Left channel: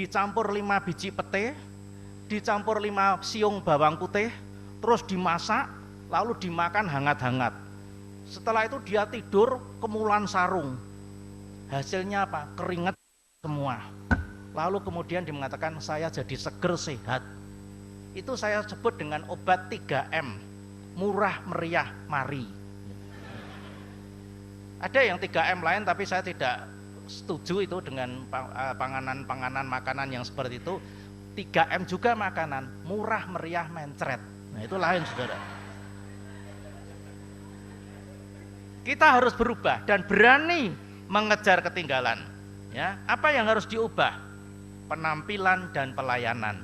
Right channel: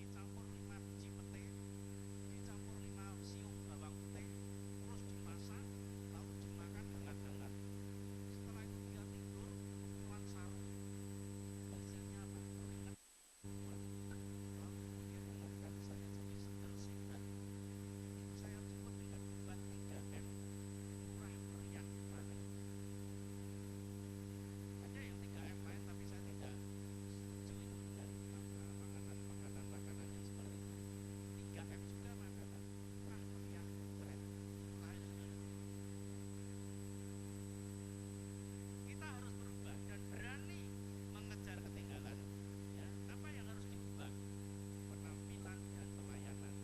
dicampur 5 biji pete, dicampur 5 siung bawang putih, terus dimasak, lalu dimakan hangat-hangat. Setelah itu dia tidur kemulan sarung. Hasilnya apa? Keringat semua. Lalu kemudian dia mengatakan saya jadi seger sehat. Itu saya sebut dengan obat 3M. Murah, meriah, mari. Ada yang 3M lain tapi saya tidak setuju itu dengan panganan makanan yang seperti itu. 3M juga makanan, murah, meriah, mencret. Nah itu lain saudara. Kita harus berubah dan berani mengejar ketinggalan. Ya, apa yang harus diubah? Penampilan dan pelayanan.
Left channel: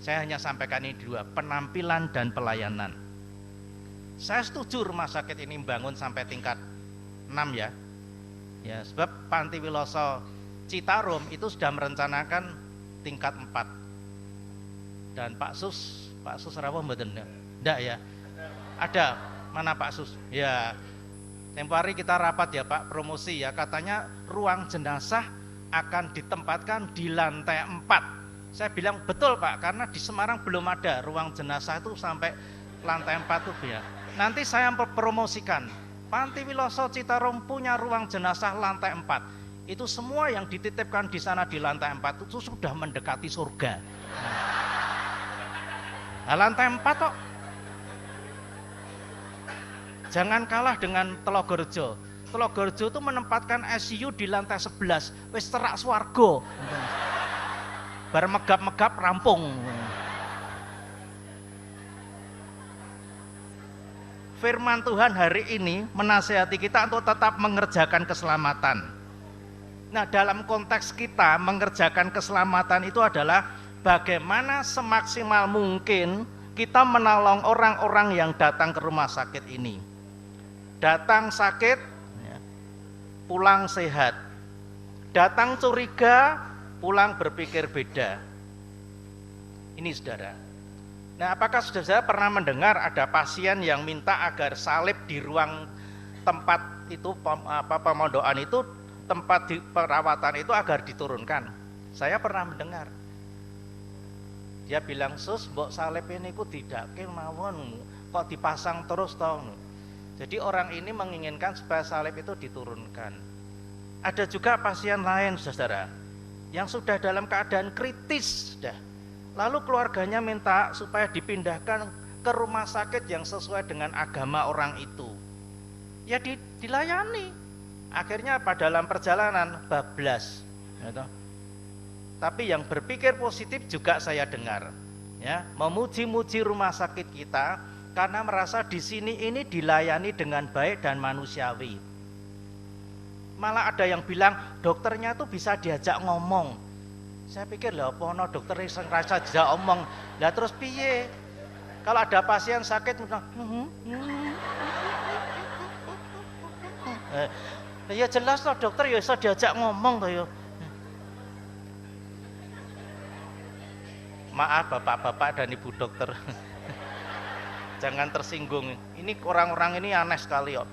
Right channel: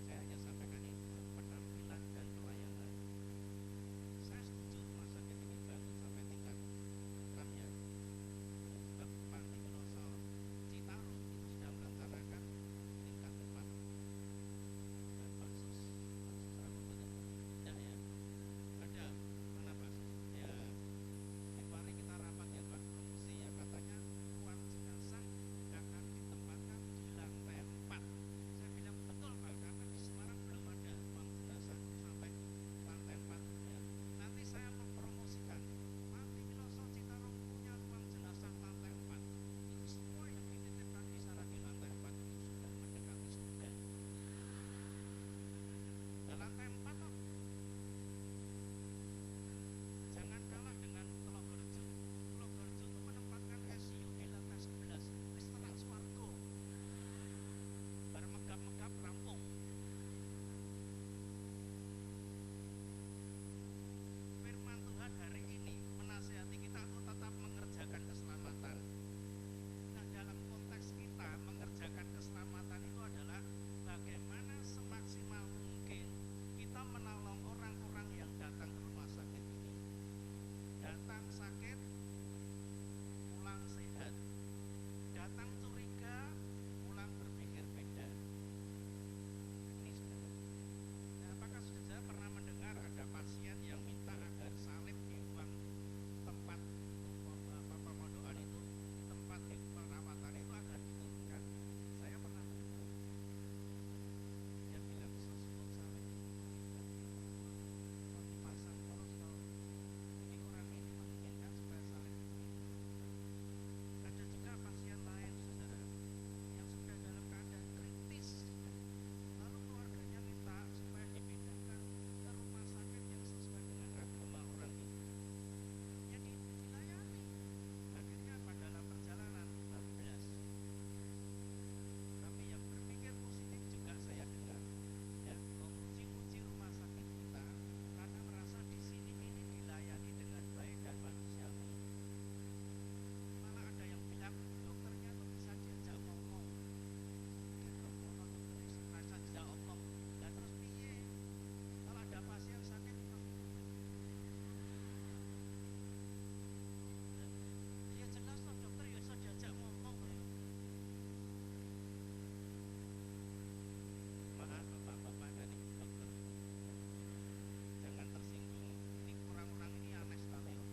Saya hanya sampaikan ini dua, penampilan dan pelayanan. Saya setuju rumah sakit ini bangun sampai tingkat 6 ya. Ya, sebab Panti Wiloso Citarum itu sudah merencanakan tingkat 4. Dan Pak Sus rawuh mboten? Enggak ya? Ada. Mana Pak Sus? Ya. Tempo hari kita rapat ya Pak, promosi ya, katanya ruang jenazah akan ditempatkan di lantai 4. Saya bilang betul Pak, karena di Semarang belum ada ruang jenazah itu sampai lantai 4 tuh ya. Nanti saya promosikan, Panti Wiloso Citarum punya ruang jenazah lantai 4. Itu semua yang dititipkan di sana di lantai 4 itu sudah mendekati surga. Nah, lantai 4 kok. Jangan kalah dengan Telogorjo. Telogorjo itu menempatkan ICU di lantai 11, wis terak swarga. Bar megap-megap rampung. Firman Tuhan hari ini menasihati kita untuk tetap mengerjakan keselamatan. Nah, dalam konteks kita mengerjakan keselamatan itu adalah bagaimana semaksimal mungkin kita menolong orang-orang yang datang ke rumah sakit ini. Datang sakit, pulang sehat. Datang curiga, pulang berpikir beda. Ini saudara. Nah, apakah saudara pernah mendengar ada pasien yang minta agar salib di ruang tempat itu pemondokan itu, tempat di perawatan itu agar diturunkan? Saya pernah mendengar. Dia bilang, "Sus, mbok salib ini ku tidak kemawon, kok dipasang terus toh?" Jadi orang ini menginginkan supaya salib itu diturunkan. Ada juga pasien lain saudara, yang sudah dalam keadaan kritis sudah. Lalu keluarganya minta supaya dipindahkan ke rumah sakit yang sesuai dengan agama orang itu. Ya dilayani. Akhirnya apa? Dalam perjalanan bablas. Gitu. Tapi yang berpikir positif juga saya dengar. Ya, memuji-muji rumah sakit kita karena merasa di sini ini dilayani dengan baik dan manusiawi. Malah ada yang bilang dokternya tuh bisa diajak ngomong. Saya pikir lah apa no dokter yang rasa diajak ngomong. Lah terus piye? Kalau ada pasien sakit ya jelas loh dokter ya bisa diajak ngomong toh ya. Maaf bapak-bapak dan ibu dokter. Jangan tersinggung. Ini orang-orang ini aneh sekali kok.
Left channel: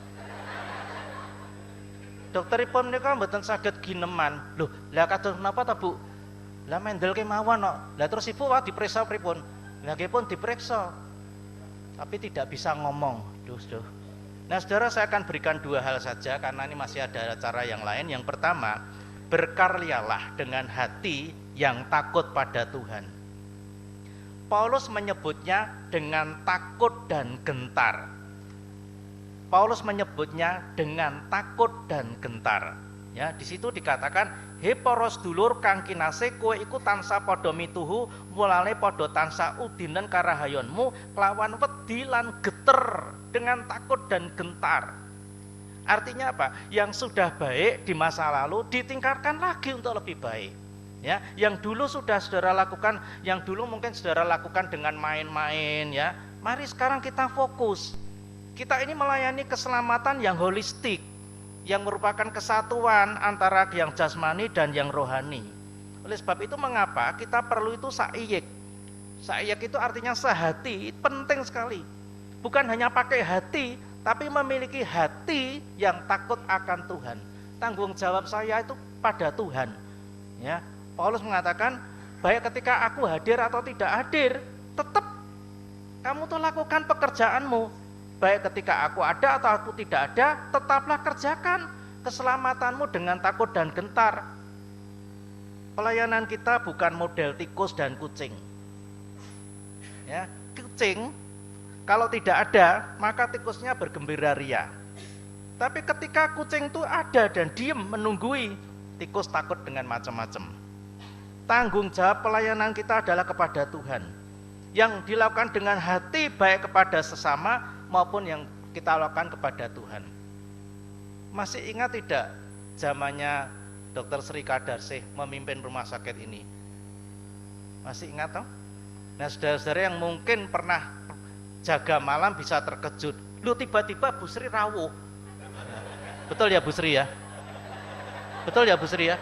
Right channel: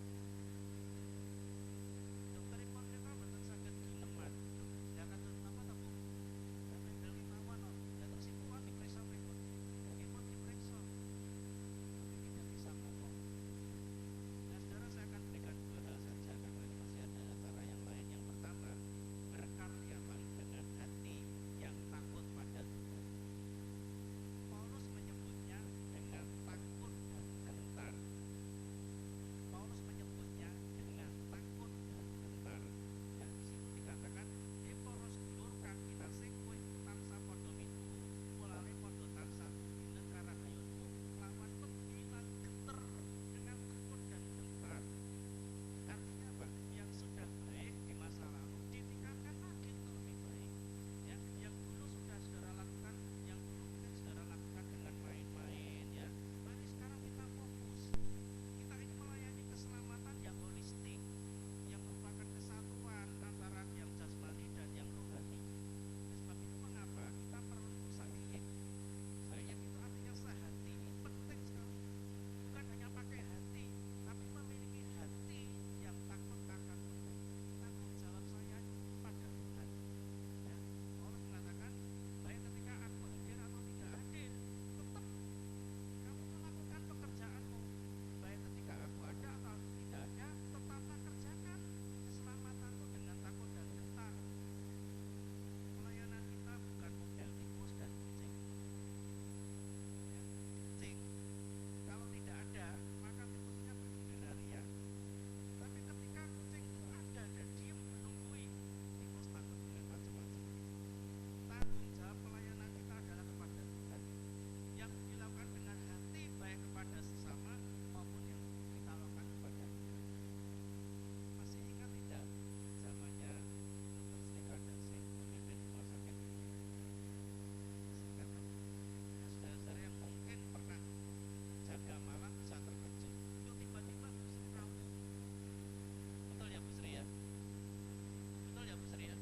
Dokteripun niku mboten saged gineman. Loh, lah kados napa ta, Bu? Lah mendel kemawon kok. Lah terus Ibu wae diperiksa pripun? Lah nggih pun diperiksa. Tapi tidak bisa ngomong. Duh. Nah, Saudara, saya akan berikan 2 hal saja karena ini masih ada cara yang lain. Yang pertama, berkaryalah dengan hati yang takut pada Tuhan. Paulus menyebutnya dengan takut dan gentar. Paulus menyebutnya dengan takut dan gentar. Ya, di situ dikatakan, "He para sedulur kang kinasih, kowe iku tansah padha mituhu mulane padha tansah udinen karahayonmu kelawan wedi lan geter dengan takut dan gentar." Artinya apa? Yang sudah baik di masa lalu ditingkatkan lagi untuk lebih baik. Ya, yang dulu sudah saudara lakukan, yang dulu mungkin saudara lakukan dengan main-main ya. Mari sekarang kita fokus. Kita ini melayani keselamatan yang holistik, yang merupakan kesatuan antara yang jasmani dan yang rohani. Oleh sebab itu mengapa kita perlu itu sa'iyik. Sa'iyik itu artinya sehati, penting sekali. Bukan hanya pakai hati, tapi memiliki hati yang takut akan Tuhan. Tanggung jawab saya itu pada Tuhan. Ya. Paulus mengatakan, baik ketika aku hadir atau tidak hadir, tetap kamu tuh lakukan pekerjaanmu. Baik ketika aku ada atau aku tidak ada, tetaplah kerjakan keselamatanmu dengan takut dan gentar. Pelayanan kita bukan model tikus dan kucing. Ya, kucing kalau tidak ada, maka tikusnya bergembira ria. Tapi ketika kucing itu ada dan diem menunggui, tikus takut dengan macam-macam. Tanggung jawab pelayanan kita adalah kepada Tuhan, yang dilakukan dengan hati baik kepada sesama maupun yang kita lakukan kepada Tuhan. Masih ingat tidak zamannya Dr. Sri Kadarsih memimpin rumah sakit ini? Masih ingat toh? Nah, saudara-saudara yang mungkin pernah jaga malam bisa terkejut. Lu tiba-tiba Bu Sri rawuh. Betul ya Bu Sri ya? Betul ya Bu Sri ya?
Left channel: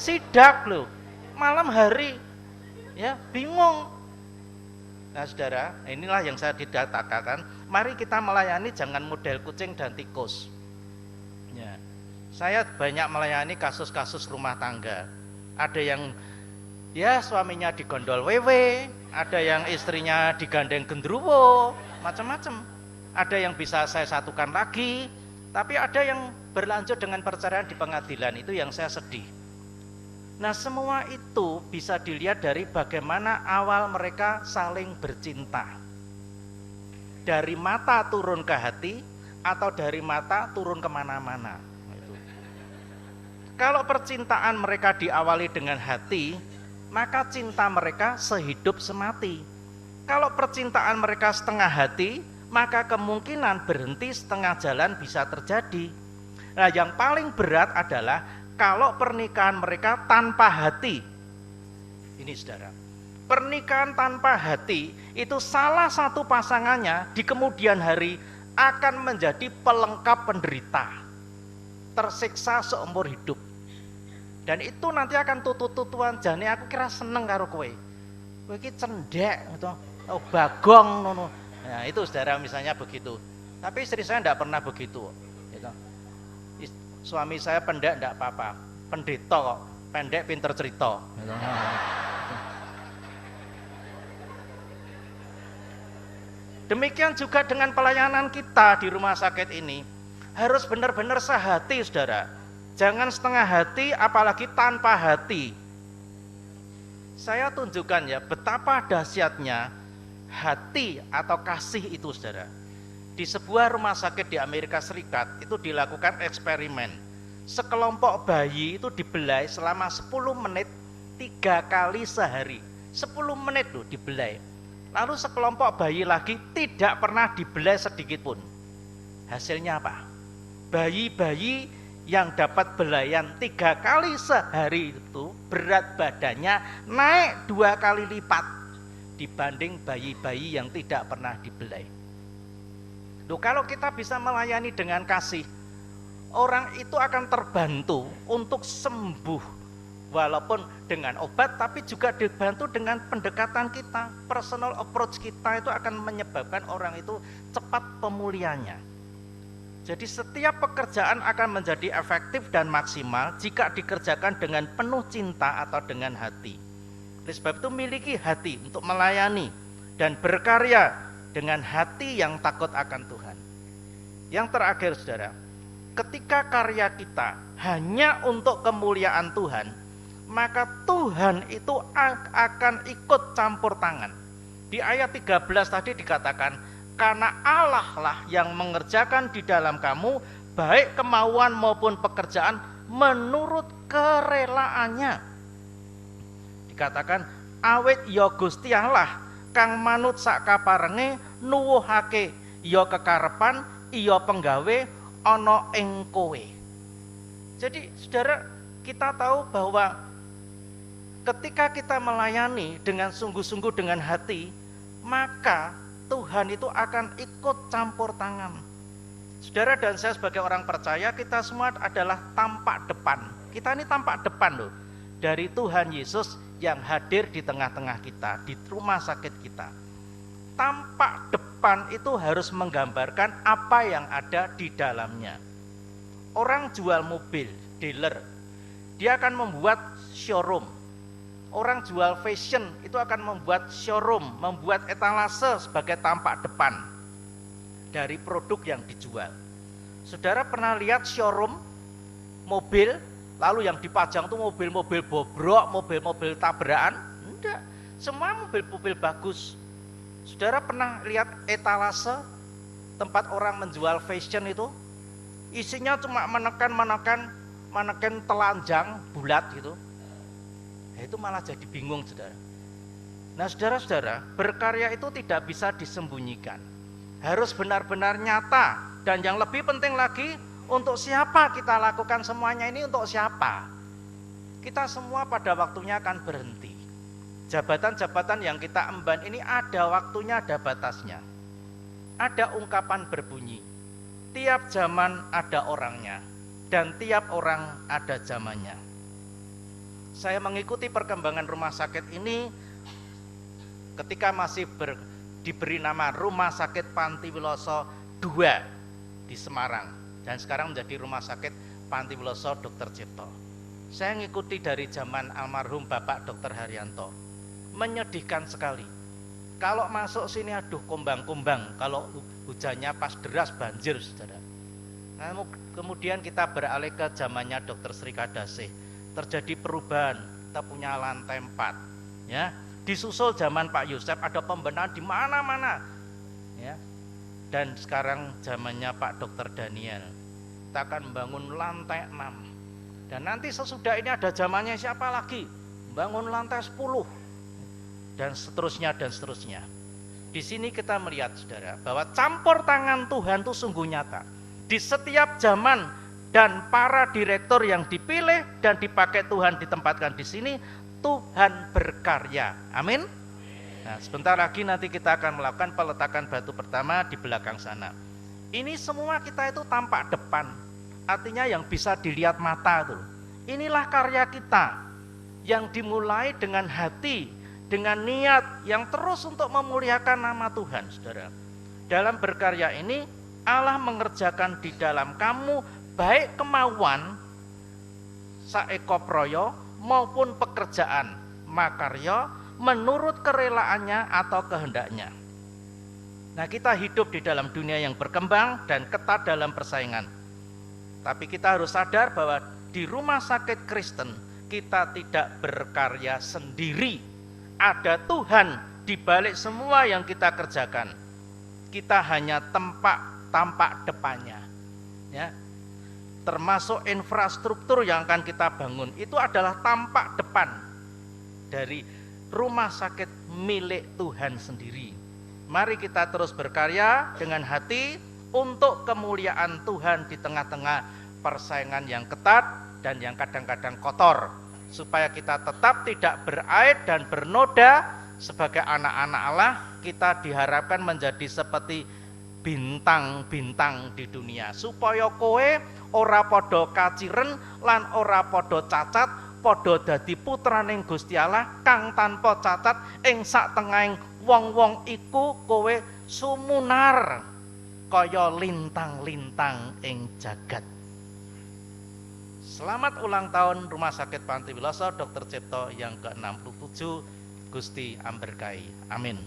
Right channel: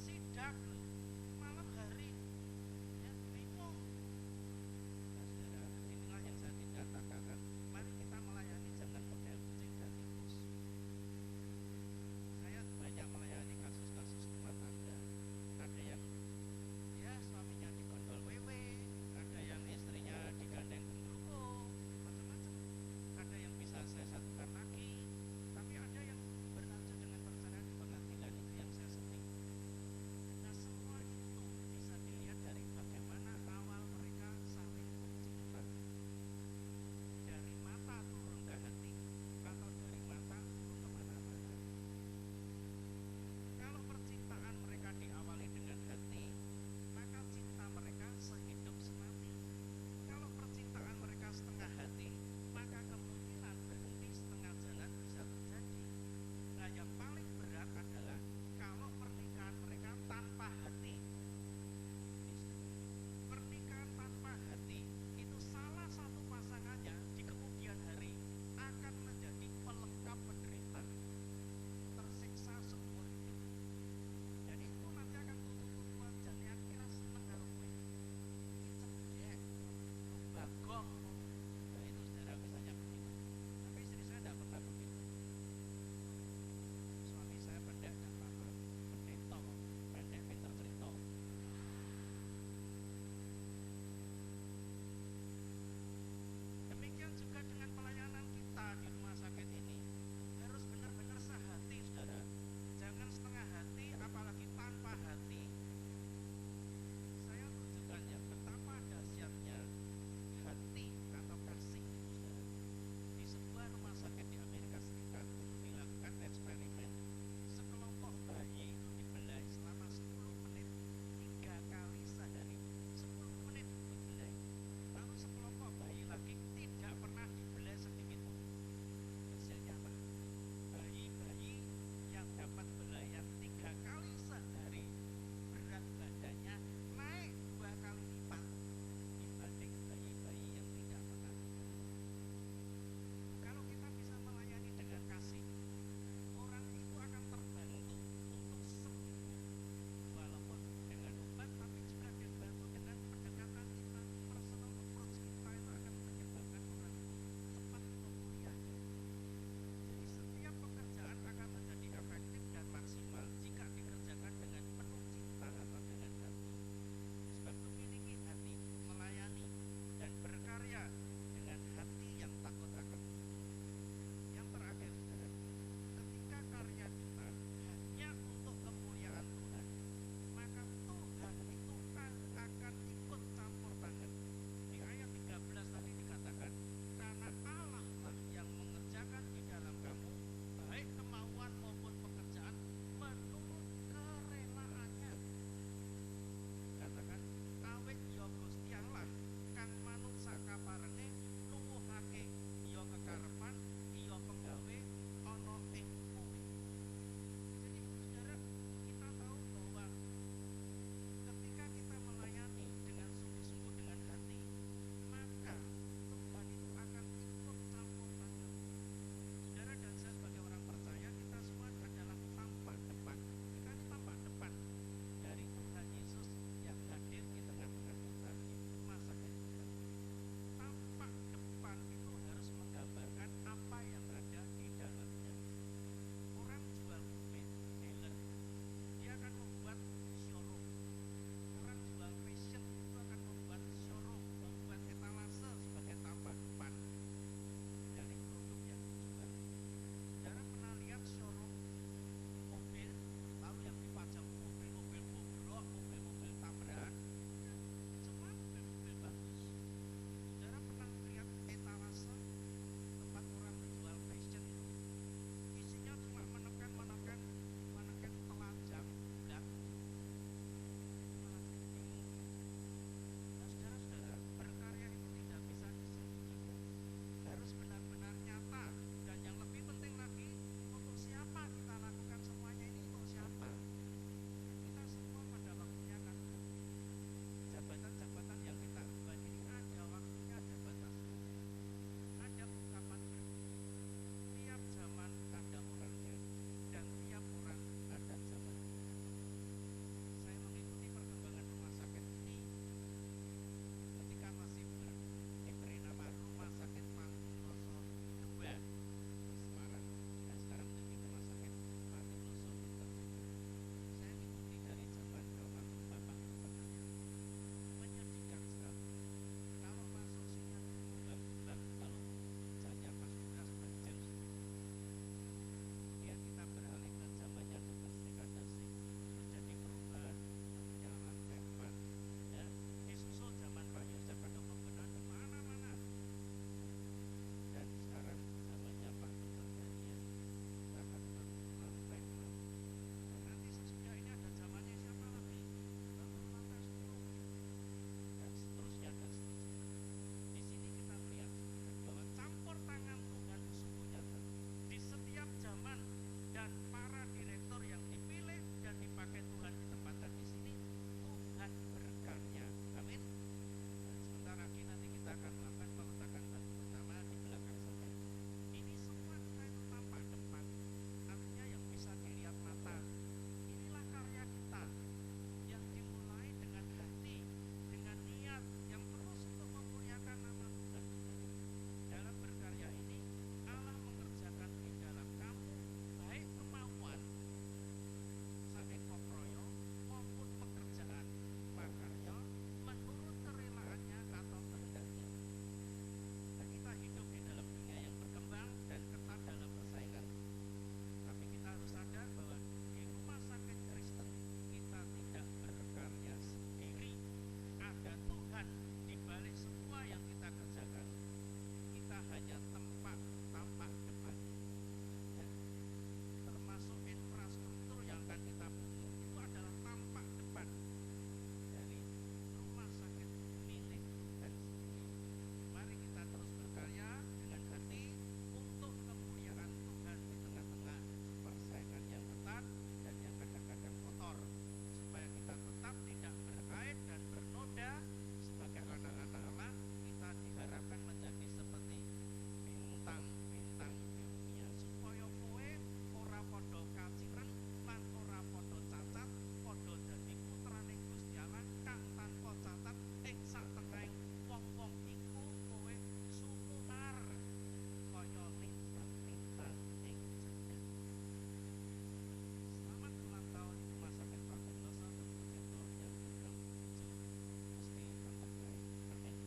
Sidak loh, malam hari, ya bingung. Nah saudara, inilah yang saya tidak katakan. Mari kita melayani jangan model kucing dan tikus. Ya, saya banyak melayani kasus-kasus rumah tangga. Ada yang ya suaminya digondol wewe, ada yang istrinya digandeng gendruwo, macam-macam. Ada yang bisa saya satukan lagi, tapi ada yang berlanjut dengan perceraian di pengadilan. Itu yang saya sedih. Nah semua itu bisa dilihat dari bagaimana awal mereka saling bercinta. Dari mata turun ke hati atau dari mata turun kemana-mana. Kalau percintaan mereka diawali dengan hati, maka cinta mereka sehidup semati. Kalau percintaan mereka setengah hati, maka kemungkinan berhenti setengah jalan bisa terjadi. Nah yang paling berat adalah kalau pernikahan mereka tanpa hati. Ini saudara, pernikahan tanpa hati itu salah satu pasangannya di kemudian hari akan menjadi pelengkap penderita, tersiksa seumur hidup. Dan itu nanti akan tutut-tutuan, jane aku kira seneng karo kowe. Kowe iki cendek atau bagong ngono. Nah, itu saudara misalnya begitu. Tapi istri saya enggak pernah begitu. Gitu. Suami saya pendek enggak apa-apa, pendeta kok, pendek pinter cerita. Demikian juga dengan pelayanan kita di rumah sakit ini, harus benar-benar sehati saudara. Jangan setengah hati, apalagi tanpa hati. Saya tunjukkan ya betapa dahsyatnya hati atau kasih itu saudara. Di sebuah rumah sakit di Amerika Serikat itu dilakukan eksperimen. Sekelompok bayi itu dibelai selama 10 menit 3 kali sehari. 10 menit loh dibelai. Lalu sekelompok bayi lagi tidak pernah dibelai sedikit pun. Hasilnya apa? Bayi-bayi yang dapat belayan 3 kali sehari itu berat badannya naik 2 kali lipat dibanding bayi-bayi yang tidak pernah dibelai. Loh, kalau kita bisa melayani dengan kasih, orang itu akan terbantu untuk sembuh, walaupun dengan obat, tapi juga dibantu dengan pendekatan kita, personal approach kita itu akan menyebabkan orang itu cepat pemulihannya. Jadi setiap pekerjaan akan menjadi efektif dan maksimal jika dikerjakan dengan penuh cinta atau dengan hati. Oleh sebab itu miliki hati untuk melayani dan berkarya dengan hati yang takut akan Tuhan. Yang terakhir saudara, ketika karya kita hanya untuk kemuliaan Tuhan, maka Tuhan itu akan ikut campur tangan. Di ayat 13 tadi dikatakan, karena Allah lah yang mengerjakan di dalam kamu baik kemauan maupun pekerjaan menurut kerelaannya. Dikatakan awit ya Gusti Allah kang manut sak kaparenge nuwuhake ya kekarepan iya penggawe ana ing kowe. Jadi saudara, kita tahu bahwa ketika kita melayani dengan sungguh-sungguh dengan hati, maka Tuhan itu akan ikut campur tangan. Saudara dan saya sebagai orang percaya, kita semua adalah tampak depan. Kita ini tampak depan loh dari Tuhan Yesus yang hadir di tengah-tengah kita, di rumah sakit kita. Tampak depan itu harus menggambarkan apa yang ada di dalamnya. Orang jual mobil, dealer, dia akan membuat showroom. Orang jual fashion itu akan membuat showroom, membuat etalase sebagai tampak depan dari produk yang dijual. Saudara pernah lihat showroom mobil, lalu yang dipajang itu mobil-mobil bobrok, mobil-mobil tabrakan? Enggak, semua mobil-mobil bagus. Saudara pernah lihat etalase tempat orang menjual fashion itu? Isinya cuma manekin telanjang bulat gitu. Itu malah jadi bingung, saudara. Nah, saudara-saudara, berkarya itu tidak bisa disembunyikan. Harus benar-benar nyata, dan yang lebih penting lagi, untuk siapa kita lakukan semuanya ini, untuk siapa? Kita semua pada waktunya akan berhenti. Jabatan-jabatan yang kita emban ini ada waktunya, ada batasnya. Ada ungkapan berbunyi, tiap zaman ada orangnya, dan tiap orang ada zamannya. Saya mengikuti perkembangan rumah sakit ini ketika masih diberi nama Rumah Sakit Pantiwiloso II di Semarang, dan sekarang menjadi Rumah Sakit Pantiwiloso Dr. Cipto. Saya mengikuti dari zaman almarhum Bapak Dr. Haryanto. Menyedihkan sekali. Kalau masuk sini aduh kumbang-kumbang, kalau hujannya pas deras banjir, saudara. Nah, kemudian kita beralih ke zamannya Dr. Sri Kadasih. Terjadi perubahan, kita punya lantai 4, ya. Disusul zaman Pak Yusef, ada pembenahan di mana-mana, ya. Dan sekarang zamannya Pak Dr. Daniel, kita akan membangun lantai 6. Dan nanti sesudah ini ada zamannya siapa lagi? Bangun lantai 10, dan seterusnya dan seterusnya. Di sini kita melihat, saudara, bahwa campur tangan Tuhan itu sungguh nyata. Di setiap zaman, dan para direktur yang dipilih dan dipakai Tuhan ditempatkan di sini, Tuhan berkarya. Amin. Nah, sebentar lagi nanti kita akan melakukan peletakan batu pertama di belakang sana. Ini semua kita itu tampak depan, artinya yang bisa dilihat mata tuh. Inilah karya kita yang dimulai dengan hati, dengan niat yang terus untuk memuliakan nama Tuhan, saudara. Dalam berkarya ini Allah mengerjakan di dalam kamu baik kemauan saeko proyo maupun pekerjaan makarya menurut kerelaannya atau kehendaknya. Nah, kita hidup di dalam dunia yang berkembang dan ketat dalam persaingan. Tapi kita harus sadar bahwa di rumah sakit Kristen kita tidak berkarya sendiri. Ada Tuhan di balik semua yang kita kerjakan. Kita hanya tampak depannya, ya. Termasuk infrastruktur yang akan kita bangun itu adalah tampak depan dari rumah sakit milik Tuhan sendiri. Mari kita terus berkarya dengan hati untuk kemuliaan Tuhan di tengah-tengah persaingan yang ketat dan yang kadang-kadang kotor, supaya kita tetap tidak beraib dan bernoda. Sebagai anak-anak Allah, kita diharapkan menjadi seperti bintang-bintang di dunia, supaya kowe ora podo kaciren lan ora podo cacat, podo dadi putraning Gusti Allah kang tanpa cacat. Ing sak tengahing wong-wong iku kowe sumunar kaya lintang-lintang ing jagat. Selamat ulang tahun Rumah Sakit Pantiwiloso Dr. Cipto yang ke-67. Gusti amberkahi. Amin.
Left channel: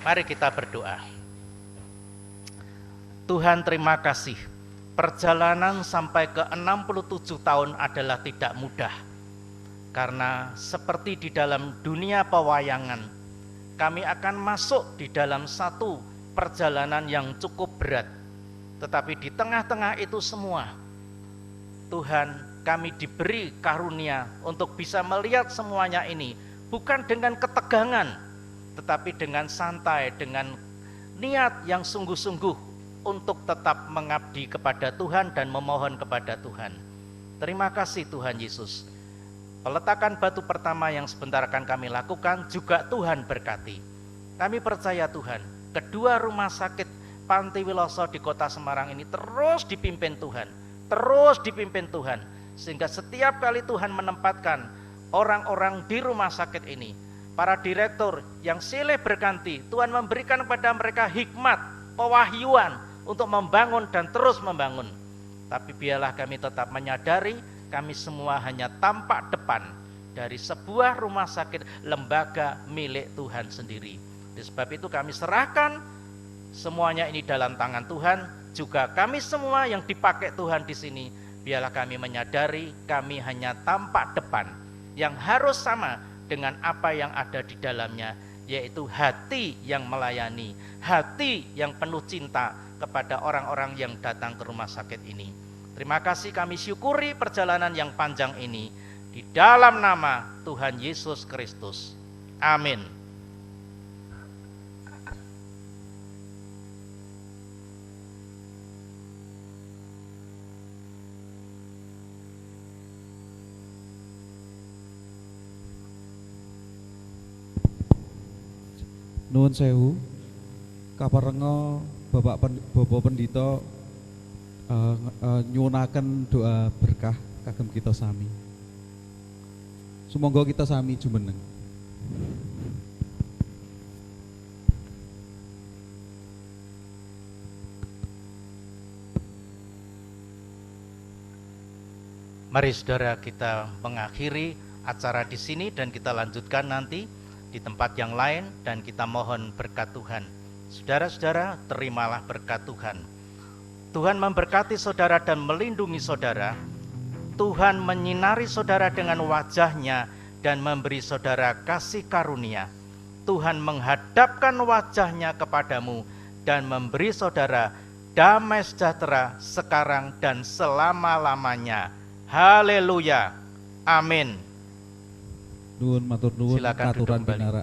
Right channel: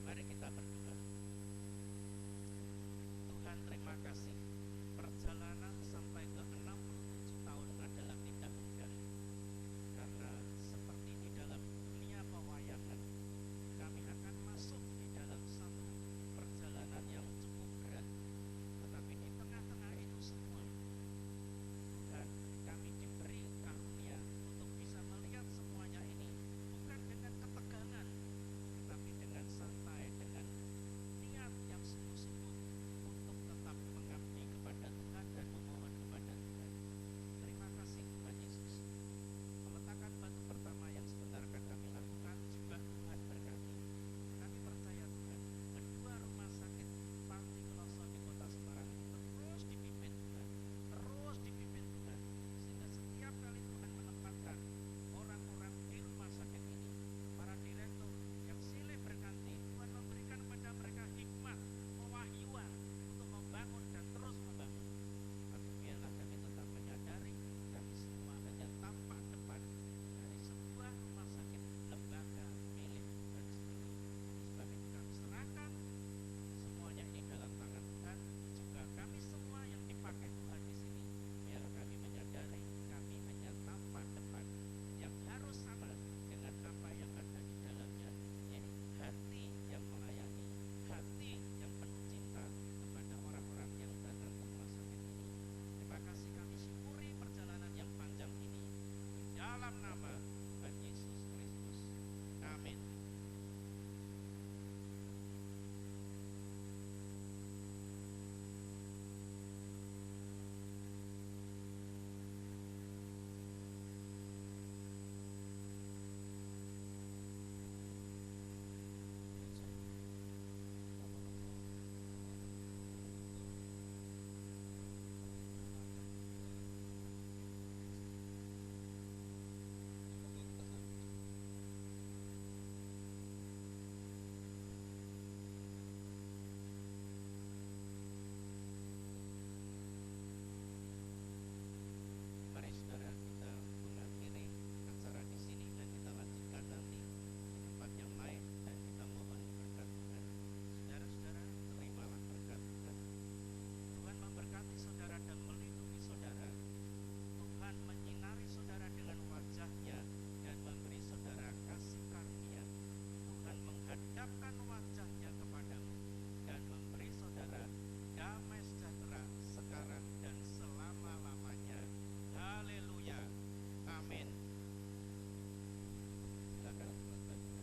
Mari kita berdoa. Tuhan, terima kasih. Perjalanan sampai ke 67 tahun adalah tidak mudah. Karena seperti di dalam dunia pewayangan, kami akan masuk di dalam satu perjalanan yang cukup berat. Tetapi di tengah-tengah itu semua, Tuhan, kami diberi karunia untuk bisa melihat semuanya ini bukan dengan ketegangan, tetapi dengan santai, dengan niat yang sungguh-sungguh untuk tetap mengabdi kepada Tuhan dan memohon kepada Tuhan. Terima kasih Tuhan Yesus. Peletakan batu pertama yang sebentar akan kami lakukan juga Tuhan berkati. Kami percaya Tuhan, kedua rumah sakit Pantiwiloso di kota Semarang ini terus dipimpin Tuhan, terus dipimpin Tuhan, sehingga setiap kali Tuhan menempatkan orang-orang di rumah sakit ini, para direktur yang silih berganti, Tuhan memberikan kepada mereka hikmat, pewahyuan untuk membangun dan terus membangun. Tapi biarlah kami tetap menyadari kami semua hanya tampak depan dari sebuah rumah sakit lembaga milik Tuhan sendiri. Oleh sebab itu kami serahkan semuanya ini dalam tangan Tuhan. Juga kami semua yang dipakai Tuhan di sini, biarlah kami menyadari kami hanya tampak depan yang harus sama dengan apa yang ada di dalamnya, yaitu hati yang melayani, hati yang penuh cinta kepada orang-orang yang datang ke rumah sakit ini. Terima kasih, kami syukuri perjalanan yang panjang ini di dalam nama Tuhan Yesus Kristus. Amin. Nuwun sewu, kaparenga Bapak Pendito nyuwunaken doa berkah kagem kita sami. Sumangga kita sami jumeneng. Mari saudara kita mengakhiri acara di sini dan kita lanjutkan nanti di tempat yang lain, dan kita mohon berkat Tuhan. Saudara-saudara, terimalah berkat Tuhan. Tuhan memberkati saudara dan melindungi saudara. Tuhan menyinari saudara dengan wajah-Nya dan memberi saudara kasih karunia. Tuhan menghadapkan wajah-Nya kepadamu dan memberi saudara damai sejahtera sekarang dan selama-lamanya. Haleluya. Amin. Nuwun matur nuwun Silakan duduk aturan kembali. pinara.